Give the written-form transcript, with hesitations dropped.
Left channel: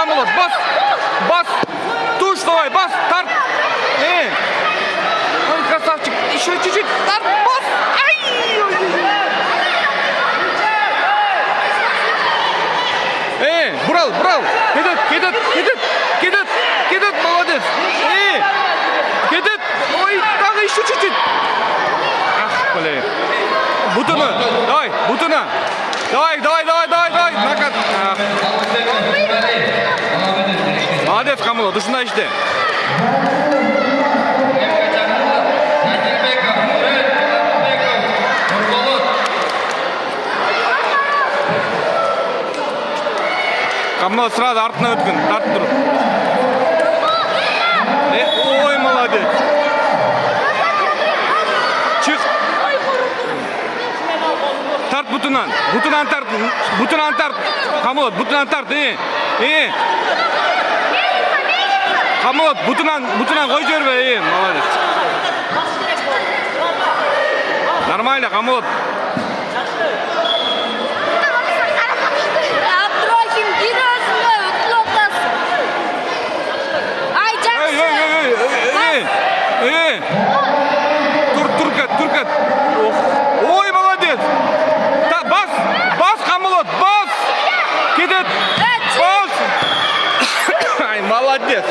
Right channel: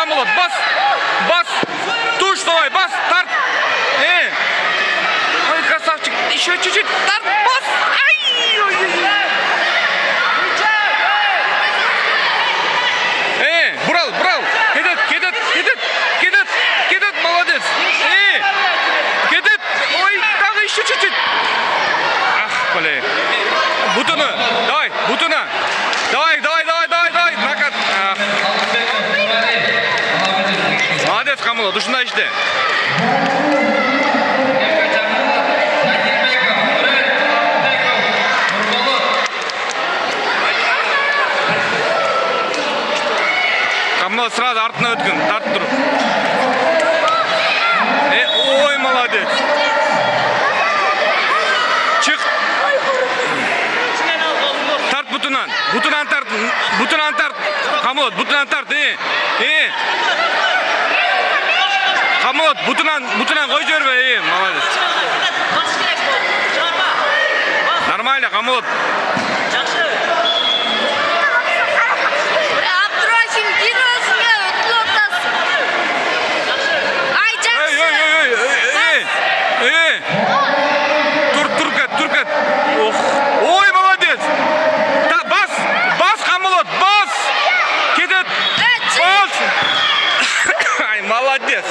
Камолот, бас. Бас. Туш давай, бас, тарт. Ой, красавчик. Еще чуть-чуть. Тарт, бас. Ай, ой. Брал. Кидет, молодец. Кидет. Ой, так еще чуть-чуть. Ах, блин. Бутуна. Давай, бутуна. Давай. Накат. Молодец, Камолот. Ушундай иште. Камолот сразу артына өткөн, тартып туруп. Ой, молодец. Чык. Тарт бутунан тарт. Камолот, бутунан тарт. Камолот, бутунан кой жибербе, молодец. Нормально, Камолот. Туркат. Ой, молодец. Бас, Камолот, бас. Кидет. Бас. Ай, молодец.